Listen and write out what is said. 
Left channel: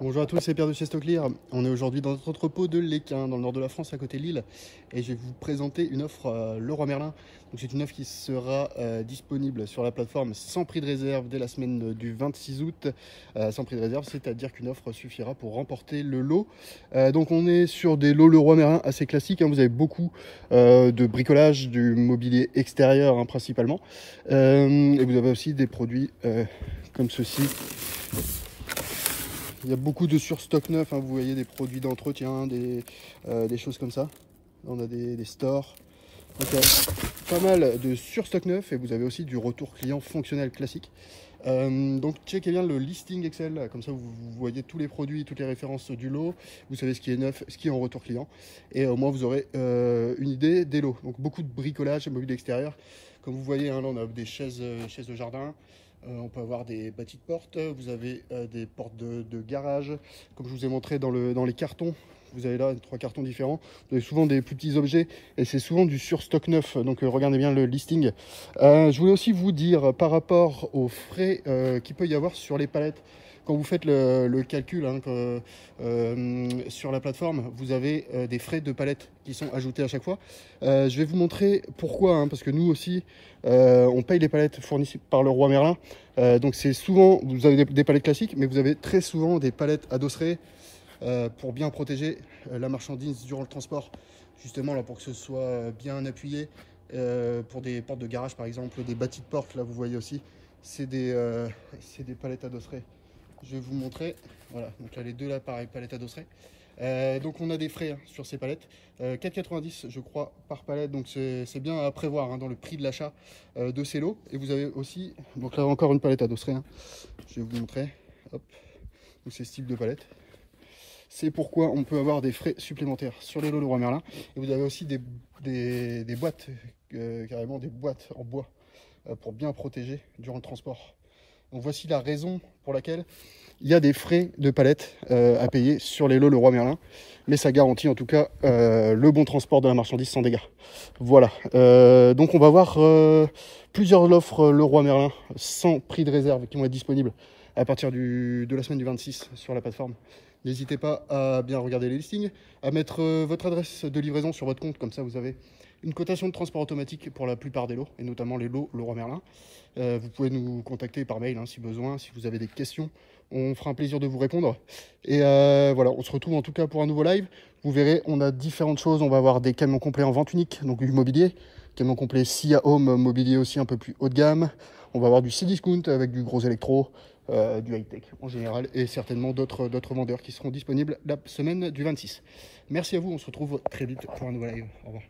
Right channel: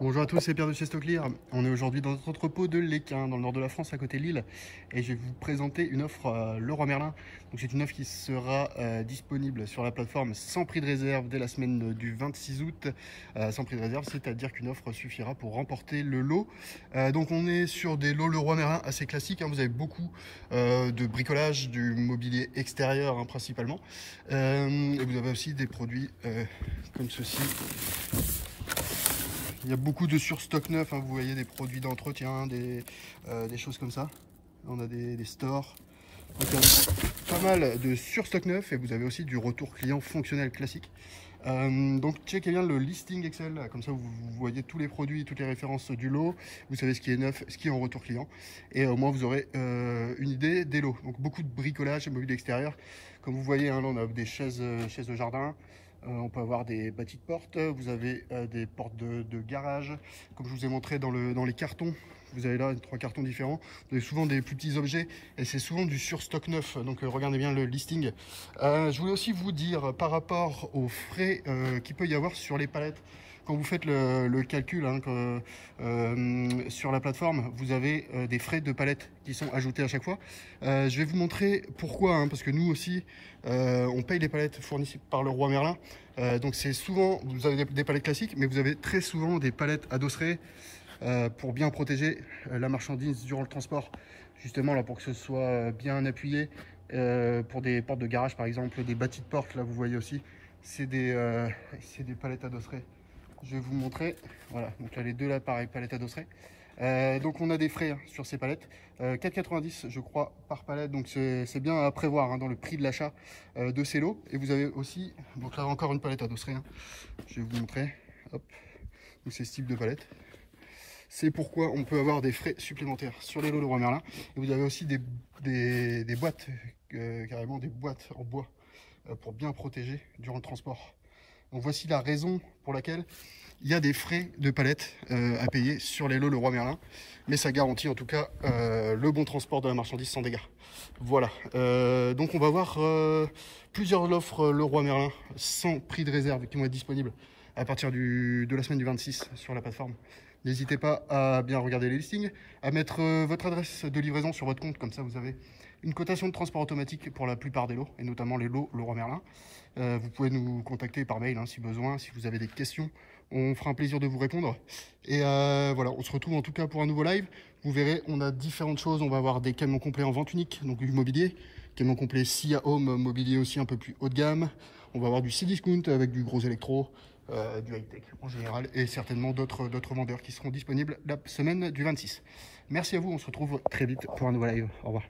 Bonjour à tous, c'est Pierre de chez Stocklear. On est aujourd'hui dans notre entrepôt de l'Équin, dans le nord de la France, à côté de Lille. Et je vais vous présenter une offre Leroy Merlin. Donc c'est une offre qui sera disponible sur la plateforme sans prix de réserve dès la semaine du 26 août. Sans prix de réserve, c'est-à-dire qu'une offre suffira pour remporter le lot. Donc on est sur des lots Leroy Merlin assez classiques. Vous avez beaucoup de bricolage, du mobilier extérieur principalement. Et vous avez aussi des produits comme ceci. Il y a beaucoup de surstock neuf, vous voyez des produits d'entretien, des choses comme ça. Là, on a des stores. Donc, pas mal de surstock neuf et vous avez aussi du retour client fonctionnel classique. Donc checkez bien le listing Excel, comme ça vous voyez tous les produits, toutes les références du lot, vous savez ce qui est neuf, ce qui est en retour client, et au moins vous aurez une idée des lots. Donc beaucoup de bricolage et mobilier extérieur, comme vous voyez, là on a des chaises de jardin, on peut avoir des bâtis de portes, vous avez des portes de garage, comme je vous ai montré dans les cartons. Vous avez là 3 cartons différents, vous avez souvent des plus petits objets et c'est souvent du surstock neuf, donc regardez bien le listing. Je voulais aussi vous dire par rapport aux frais qu'il peut y avoir sur les palettes. Quand vous faites le calcul sur la plateforme, vous avez des frais de palette qui sont ajoutés à chaque fois. Je vais vous montrer pourquoi, parce que nous aussi, on paye les palettes fournies par Leroy Merlin. Donc c'est souvent, vous avez des palettes classiques, mais vous avez très souvent des palettes adosserées pour bien protéger la marchandise durant le transport. Justement, là, pour que ce soit bien appuyé, pour des portes de garage par exemple, des bâtis de porte, là vous voyez aussi, c'est des palettes adosserées. Je vais vous montrer, voilà, donc là les deux là pareil, palettes adosserées. Donc on a des frais sur ces palettes, 4,90 je crois par palette, donc c'est bien à prévoir dans le prix de l'achat de ces lots. Et vous avez aussi, donc là encore une palette adosserée, je vais vous montrer, hop, donc c'est ce type de palette. C'est pourquoi on peut avoir des frais supplémentaires sur les lots Leroy Merlin. Et vous avez aussi des boîtes, carrément des boîtes en bois pour bien protéger durant le transport. Donc voici la raison pour laquelle il y a des frais de palette à payer sur les lots Leroy Merlin. Mais ça garantit en tout cas le bon transport de la marchandise sans dégâts. Voilà, donc on va voir plusieurs offres Leroy Merlin sans prix de réserve qui vont être disponibles à partir de la semaine du 26 sur la plateforme. N'hésitez pas à bien regarder les listings, à mettre votre adresse de livraison sur votre compte, comme ça vous avez une cotation de transport automatique pour la plupart des lots, et notamment les lots Leroy Merlin. Vous pouvez nous contacter par mail si besoin, si vous avez des questions, on fera un plaisir de vous répondre. Et voilà, on se retrouve en tout cas pour un nouveau live. Vous verrez, on a différentes choses, on va avoir des camions complets en vente unique, donc du mobilier, camion complet SIA Home, mobilier aussi un peu plus haut de gamme. On va avoir du Cdiscount avec du gros électro, du high-tech en général, et certainement d'autres vendeurs qui seront disponibles la semaine du 26. Merci à vous, on se retrouve très vite pour un nouveau live. Au revoir.